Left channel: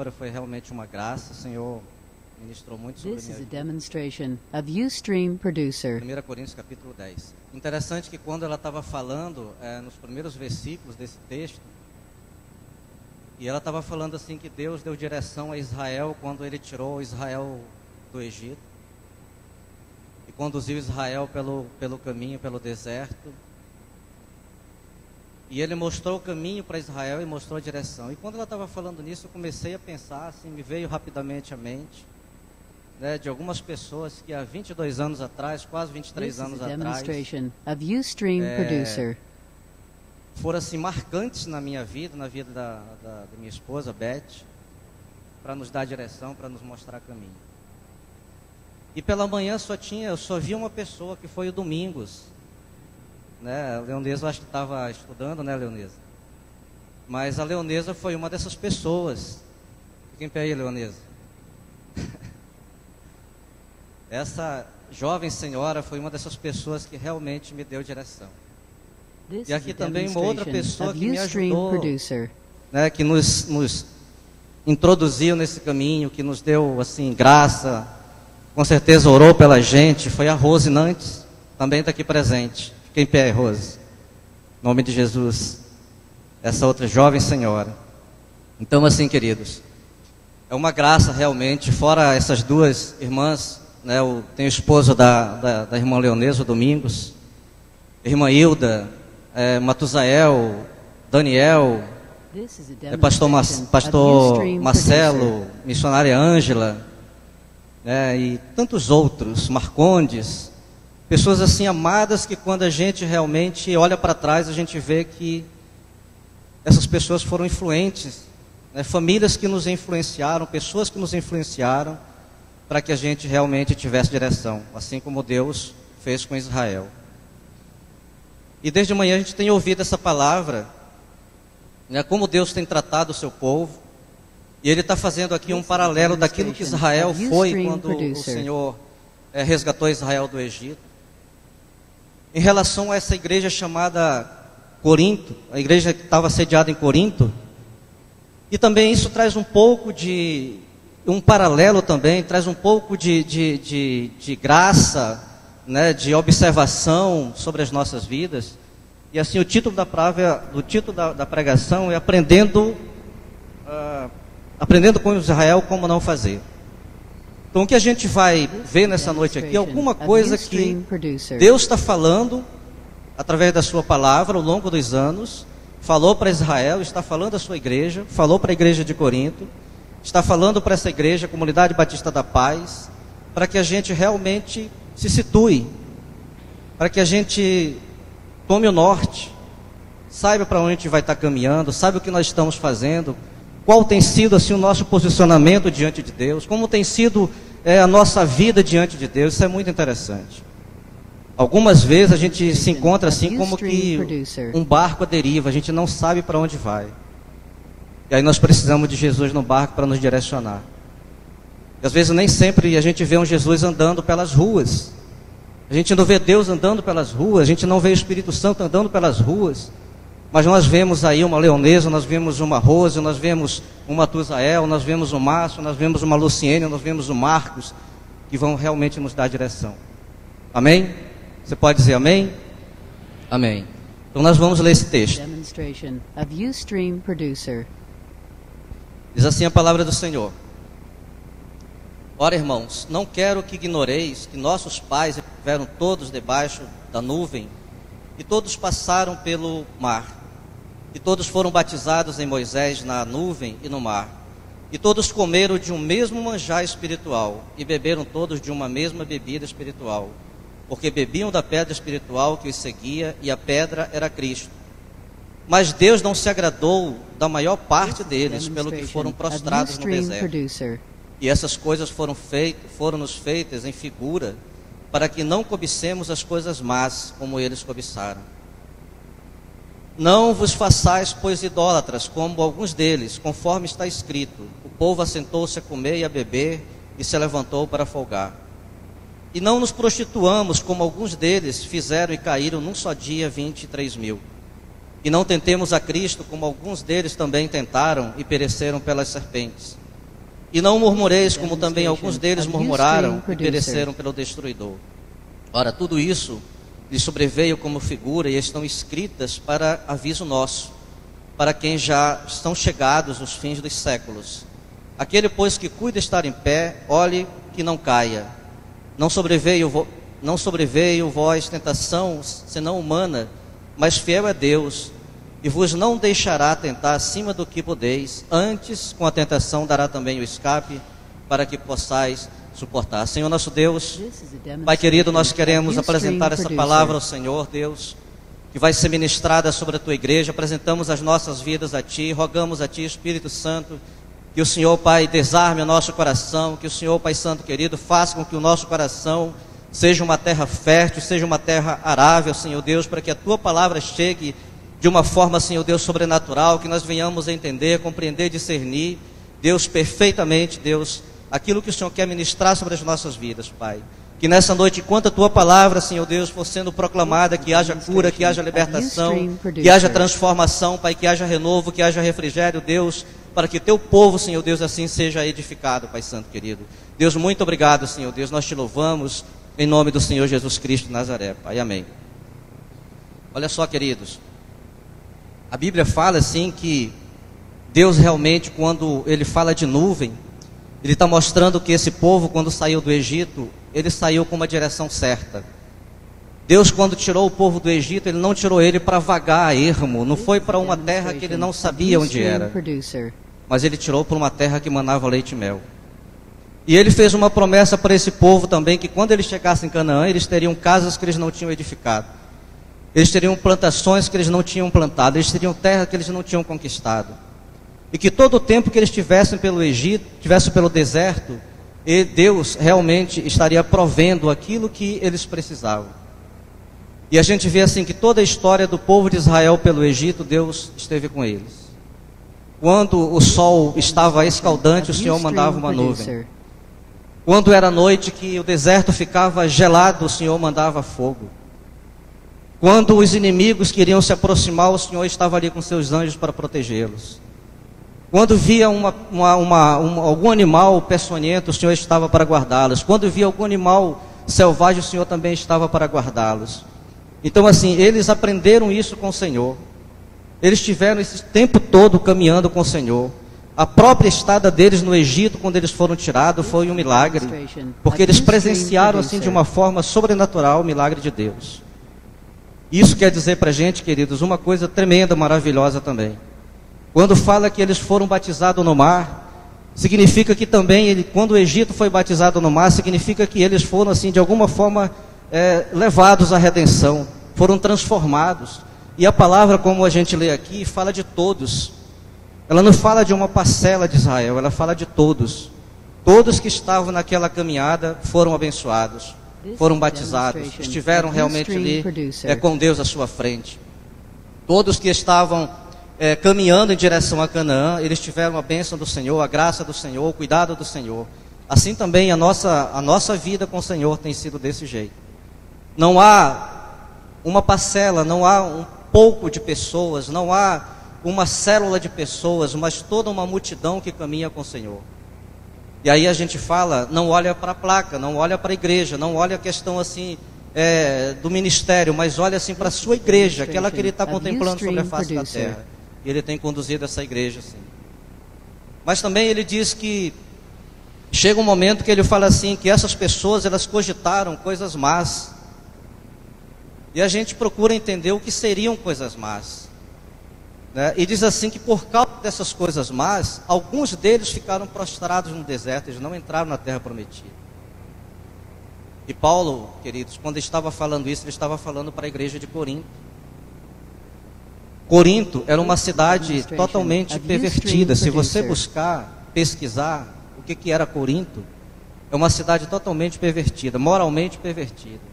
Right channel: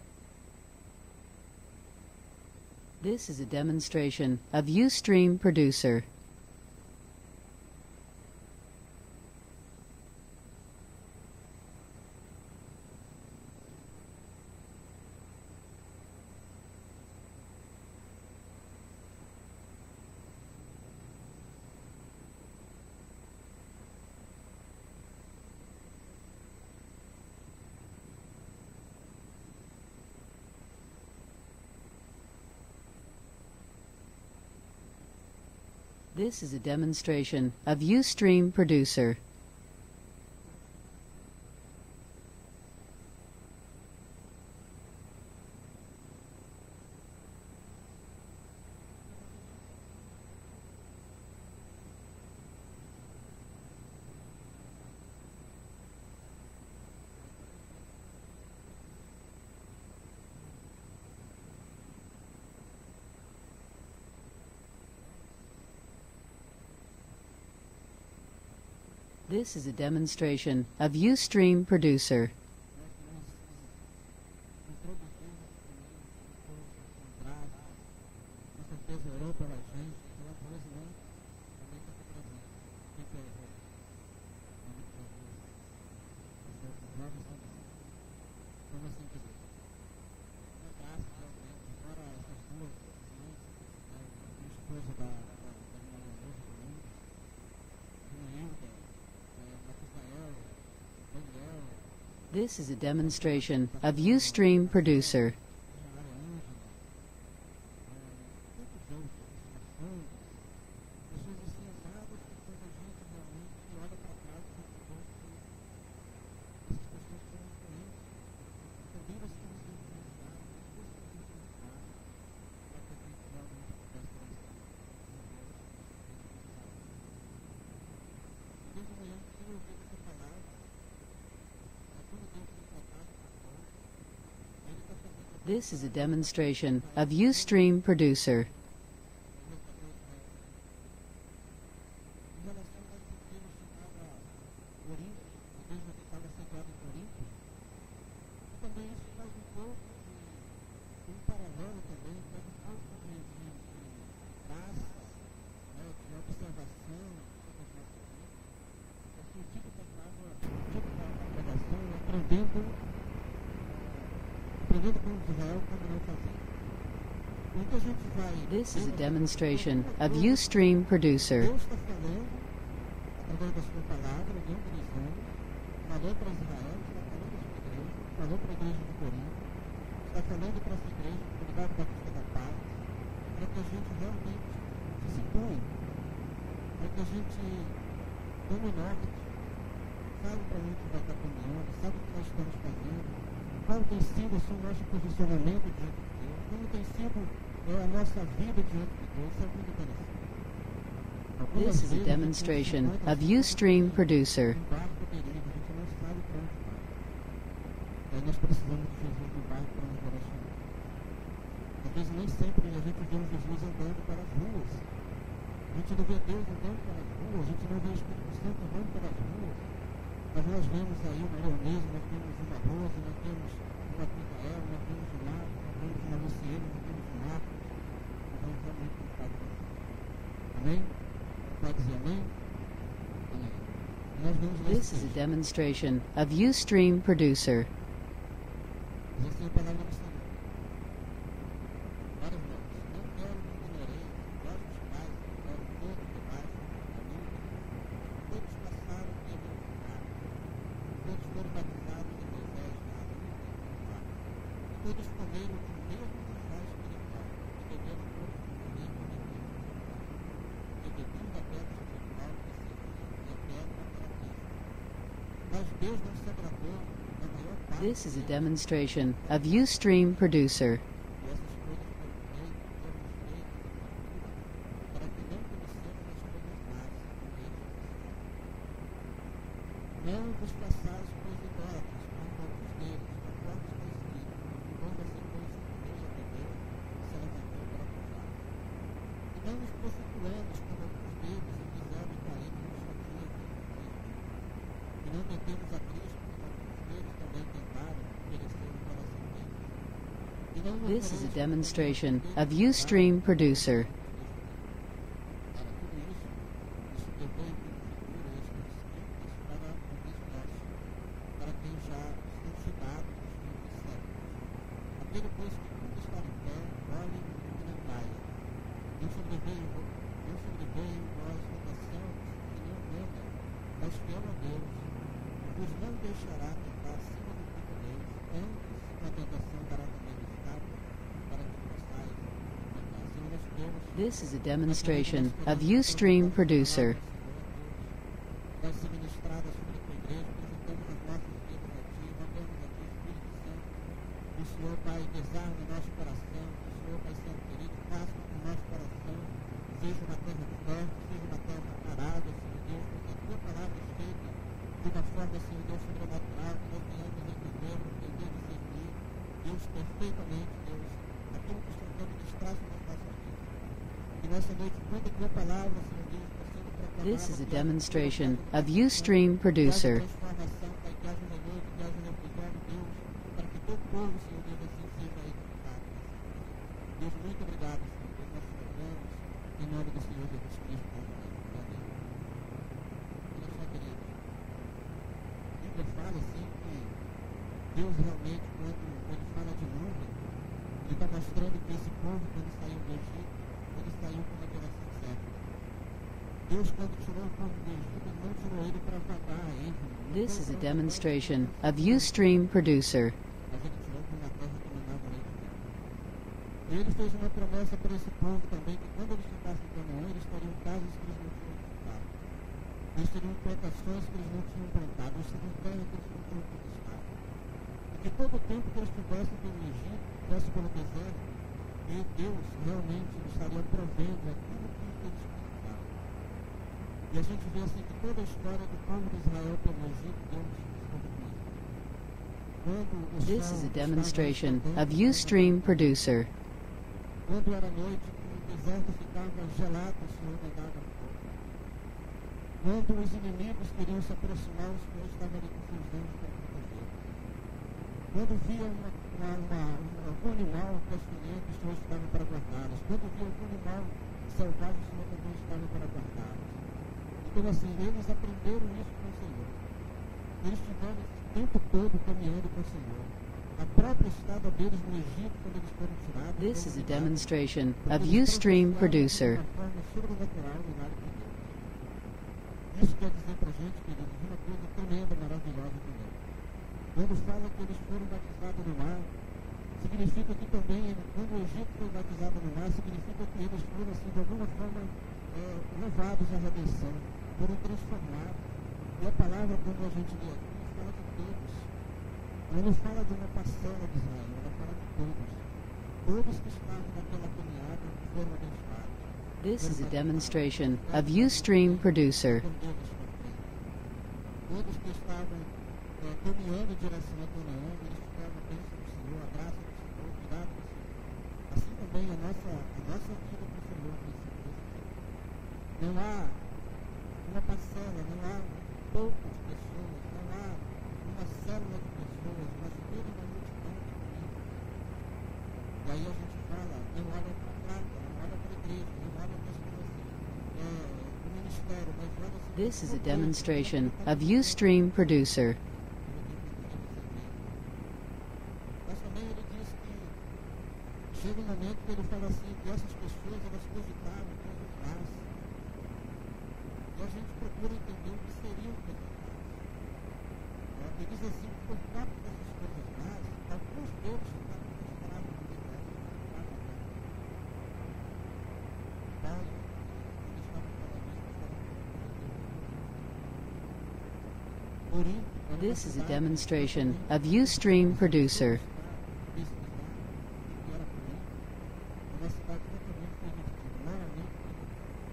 Senhor, foi realmente uma graça. O Senhor ministrou muito sobre This is a mim. demonstration of Ustream Producer. 1 Coríntios capítulo 10. Interessante que quando ela estava falando, nos primeiros versículos desse texto, e ela estava falando assim que Deus deu direção a Israel quando ele tirou Israel do Egito e conduziu Israel pelo caminho, pelo deserto. E ele mostrou o caminho para Israel e mostrou a direção. E quando ela estava falando nisso, eu comecei a pensar, assim, me veio rapidamente à mente, né, de algumas pessoas que há 22 anos atrás, quase 23 This is a anos atrás, demonstration of Ustream Producer. foram assim marcantes na minha vida, na vida da minha esposa, Beth, para nos dar direção, para nos mostrar caminho. E pela manhã eu só vi uma pessoa, que foi o Domingos, né? A Leonesa, eu acho que estava estudando, né, Leonesa? Mas a Leonesa foi uma dessas pessoas. Fica em pé aí, Leonesa. Essa jovem senhora foi uma dessas pessoas que realmente me deu direção. This E is a aqui também uma outra demonstration pessoa of que me Ustream ajudou, Producer. né, que nos introduziu nesse caminho, que nos deu assim graça, com certeza orou pela gente, foi a Rose Nantes, também está aqui presente. Fica em pé, Rose, em nome de Jesus, essa outra jovem senhora. Então assim, queridos, é uma graça realmente, fora essas duas irmãs, né, tem o esposo da irmã Leonesa, o Domingos, irmã Hilda, Matusael, Daniel, This is a pastor demonstration of pastor Ustream Marcelo, Producer. missionária Ângela, e tantos outros, Marcondes, pessoas assim amadas, que quando a gente realmente olha para trás, a gente vê que essas pessoas foram influentes, né, famílias que nos influenciaram, pessoas que nos influenciaram para que a gente realmente tivesse direção, assim como Deus fez com Israel. E desde manhã a gente tem ouvido essa palavra, né, como Deus tem tratado o seu povo. E Ele está fazendo aqui um paralelo daquilo que Israel foi quando o Senhor resgatou Israel do Egito. Em relação a essa igreja chamada Corinto, a igreja que estava sediada em Corinto. E também isso traz um pouco de um paralelo também, traz um pouco de graça, né, de observação sobre as nossas vidas. E assim o título da pregação é aprendendo com Israel como não fazer. Então o que a gente vai ver nessa noite aqui é alguma coisa que Deus está falando através da sua palavra ao longo dos anos, falou para Israel, está falando à sua igreja, falou para a igreja de Corinto, está falando para essa igreja, a Comunidade Batista da Paz, para que a gente realmente se situe, para que a gente tome o norte, saiba para onde a gente vai estar caminhando, saiba o que nós estamos fazendo, qual tem sido assim o nosso posicionamento diante de Deus, como tem sido a nossa vida diante de Deus. Isso é muito interessante. Algumas vezes a gente se encontra assim como que um barco à deriva, a gente não sabe para onde vai. E aí nós precisamos de Jesus no barco para nos direcionar. E às vezes nem sempre a gente vê um Jesus andando pelas ruas. A gente não vê Deus andando pelas ruas, a gente não vê o Espírito Santo andando pelas ruas. Mas nós vemos aí uma Leonesa, nós vemos uma Rose, nós vemos uma Matusael, nós vemos o Márcio, nós vemos uma Luciene, nós vemos o Marcos, que vão realmente nos dar direção. Amém? Você pode dizer amém? Amém. Então nós vamos ler esse texto. Demonstration of Ustream Producer. Diz assim a palavra do Senhor. Ora, irmãos, não quero que ignoreis que nossos pais estiveram todos debaixo da nuvem, e todos passaram pelo mar, e todos foram batizados em Moisés na nuvem e no mar, e todos comeram de um mesmo manjar espiritual, e beberam todos de uma mesma bebida espiritual, porque bebiam da pedra espiritual que os seguia, e a pedra era Cristo. Mas Deus não se agradou da maior parte deles, pelo que foram prostrados no deserto. E essas coisas foram-nos feitas em figura, para que não cobicemos as coisas más, como eles cobiçaram. Não vos façais, pois, idólatras, como alguns deles, conforme está escrito: o povo assentou-se a comer e a beber, e se levantou para folgar. E não nos prostituamos, como alguns deles fizeram e caíram num só dia 23.000. E não tentemos a Cristo, como alguns deles também tentaram e pereceram pelas serpentes. E não murmureis, como também alguns deles murmuraram e pereceram pelo destruidor. Ora, tudo isso lhes sobreveio como figura e estão escritas para aviso nosso, para quem já estão chegados os fins dos séculos. Aquele, pois, que cuida estar em pé, olhe que não caia. Não sobreveio vós tentação, senão humana, mas fiel é Deus, e vos não deixará tentar acima do que podeis, antes com a tentação dará também o escape, para que possais suportar. Senhor nosso Deus, Pai querido, nós queremos apresentar essa palavra ao Senhor, Deus, que vai ser ministrada sobre a Tua igreja. Apresentamos as nossas vidas a Ti, rogamos a Ti, Espírito Santo, que o Senhor, Pai, desarme o nosso coração, que o Senhor, Pai Santo querido, faça com que o nosso coração seja uma terra fértil, seja uma terra arável, Senhor Deus, para que a Tua palavra chegue de uma forma, Senhor Deus, sobrenatural, que nós venhamos a entender, compreender, discernir, Deus, perfeitamente, Deus, aquilo que o Senhor quer ministrar sobre as nossas vidas, Pai. Que nessa noite, enquanto a Tua palavra, Senhor Deus, for sendo proclamada, que haja cura, que haja libertação, que haja transformação, Pai, que haja renovo, que haja refrigério, Deus, para que Teu povo, Senhor Deus, assim seja edificado, Pai Santo querido. Deus, muito obrigado, Senhor Deus, nós Te louvamos, em nome do Senhor Jesus Cristo de Nazaré, Pai, amém. Olha só, queridos, a Bíblia fala assim que Deus realmente, quando Ele fala de nuvem, Ele está mostrando que esse povo, quando saiu do Egito, ele saiu com uma direção certa. Deus, quando tirou o povo do Egito, Ele não tirou ele para vagar a ermo, não foi para uma terra que ele não sabia onde era, mas Ele tirou para uma terra que manava leite e mel. E Ele fez uma promessa para esse povo também, que quando eles chegassem em Canaã, eles teriam casas que eles não tinham edificado, eles teriam plantações que eles não tinham plantado, eles teriam terra que eles não tinham conquistado, e que todo o tempo que eles estivessem pelo Egito, estivessem pelo deserto, e Deus realmente estaria provendo aquilo que eles precisavam. E a gente vê assim que toda a história do povo de Israel pelo Egito, Deus esteve com eles. Quando o sol estava escaldante, o Senhor mandava uma nuvem. Quando era noite que o deserto ficava gelado, o Senhor mandava fogo. Quando os inimigos queriam se aproximar, o Senhor estava ali com seus anjos para protegê-los. Quando via algum animal peçonhento, o Senhor estava para guardá-los. Quando via algum animal selvagem, o Senhor também estava para guardá-los. Então assim, eles aprenderam isso com o Senhor. Eles tiveram esse tempo todo caminhando com o Senhor. A própria estada deles no Egito, quando eles foram tirados, foi um milagre, porque eles presenciaram assim de uma forma sobrenatural o milagre de Deus. Isso quer dizer para a gente, queridos, uma coisa tremenda, maravilhosa também. Quando fala que eles foram batizados no mar, significa que também, quando o Egito foi batizado no mar, significa que eles foram assim de alguma forma levados à redenção, foram transformados. E a palavra, como a gente lê aqui, fala de todos. Ela não fala de uma parcela de Israel, ela fala de todos. Todos que estavam naquela caminhada foram abençoados, foram batizados, estiveram realmente ali com Deus à sua frente. Todos que estavam caminhando em direção a Canaã, eles tiveram a bênção do Senhor, a graça do Senhor, o cuidado do Senhor. Assim também a nossa vida com o Senhor tem sido desse jeito. Não há uma parcela, não há um pouco de pessoas, não há uma célula de pessoas, mas toda uma multidão que caminha com o Senhor. E aí a gente fala, não olha para a placa, não olha para a igreja, não olha a questão assim do ministério, mas olha assim para a sua igreja, aquela que Ele está contemplando sobre a face da terra. E Ele tem conduzido essa igreja assim. Mas também Ele diz que chega um momento que Ele fala assim, que essas pessoas, elas cogitaram coisas más. E a gente procura entender o que seriam coisas más, né? E diz assim que por causa dessas coisas más, alguns deles ficaram prostrados no deserto, eles não entraram na terra prometida. E Paulo, queridos, quando estava falando isso, ele estava falando para a igreja de Corinto. Corinto era uma cidade totalmente pervertida. Se você buscar, pesquisar o que era Corinto, é uma cidade totalmente pervertida, moralmente pervertida.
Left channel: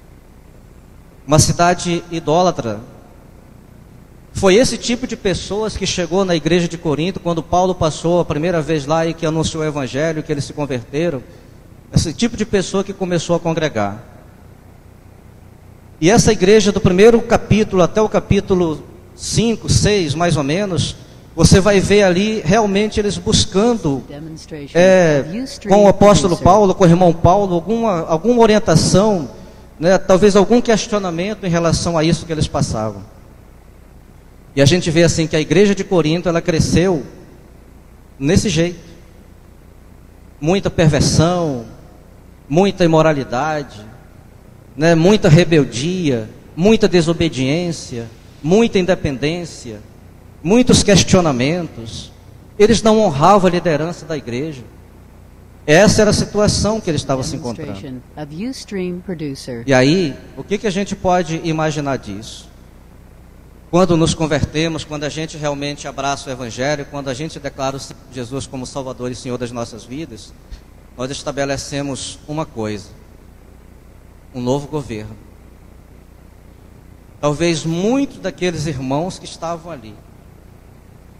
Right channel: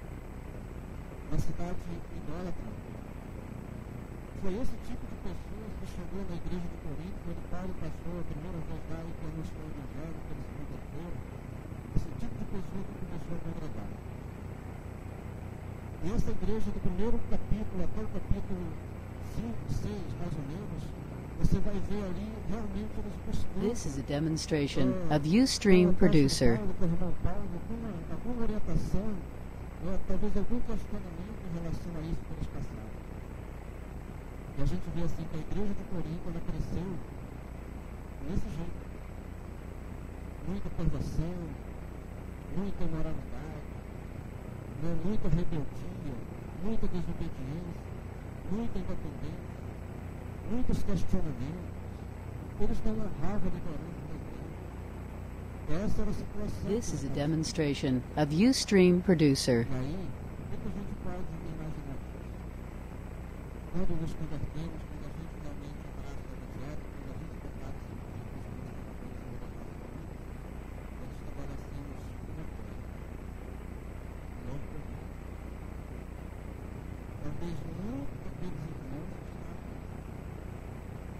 Uma cidade idólatra. Foi esse tipo de pessoas que chegou na igreja de Corinto, quando Paulo passou a primeira vez lá e que anunciou o evangelho, que eles se converteram. Esse tipo de pessoa que começou a congregar. E essa igreja, do primeiro capítulo até o capítulo 5, 6, mais ou menos, você vai ver ali realmente eles buscando, com o apóstolo Paulo, com o irmão Paulo, alguma orientação, né, talvez algum questionamento em relação a isso que eles passavam. E a gente vê assim que a igreja de Corinto, ela cresceu nesse jeito. Muita perversão, muita imoralidade, né, muita rebeldia, muita desobediência, muita independência, muitos questionamentos. Eles não honravam a liderança da igreja. Essa era a situação que eles estavam se encontrando. E aí, o que a gente pode imaginar disso? Quando nos convertemos, quando a gente realmente abraça o Evangelho, quando a gente declara Jesus como Salvador e Senhor das nossas vidas, nós estabelecemos uma coisa: um novo governo. Talvez muitos daqueles irmãos que estavam ali,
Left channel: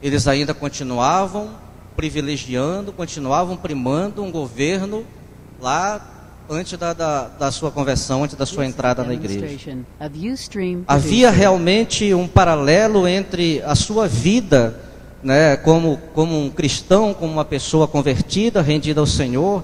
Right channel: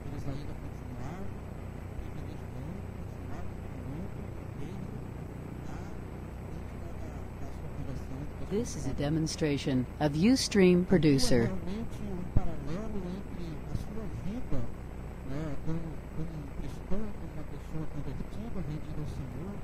eles ainda continuavam privilegiando, continuavam primando um governo lá antes da sua conversão, antes da sua entrada na igreja. Havia realmente um paralelo entre a sua vida, né, como um cristão, como uma pessoa convertida, rendida ao Senhor,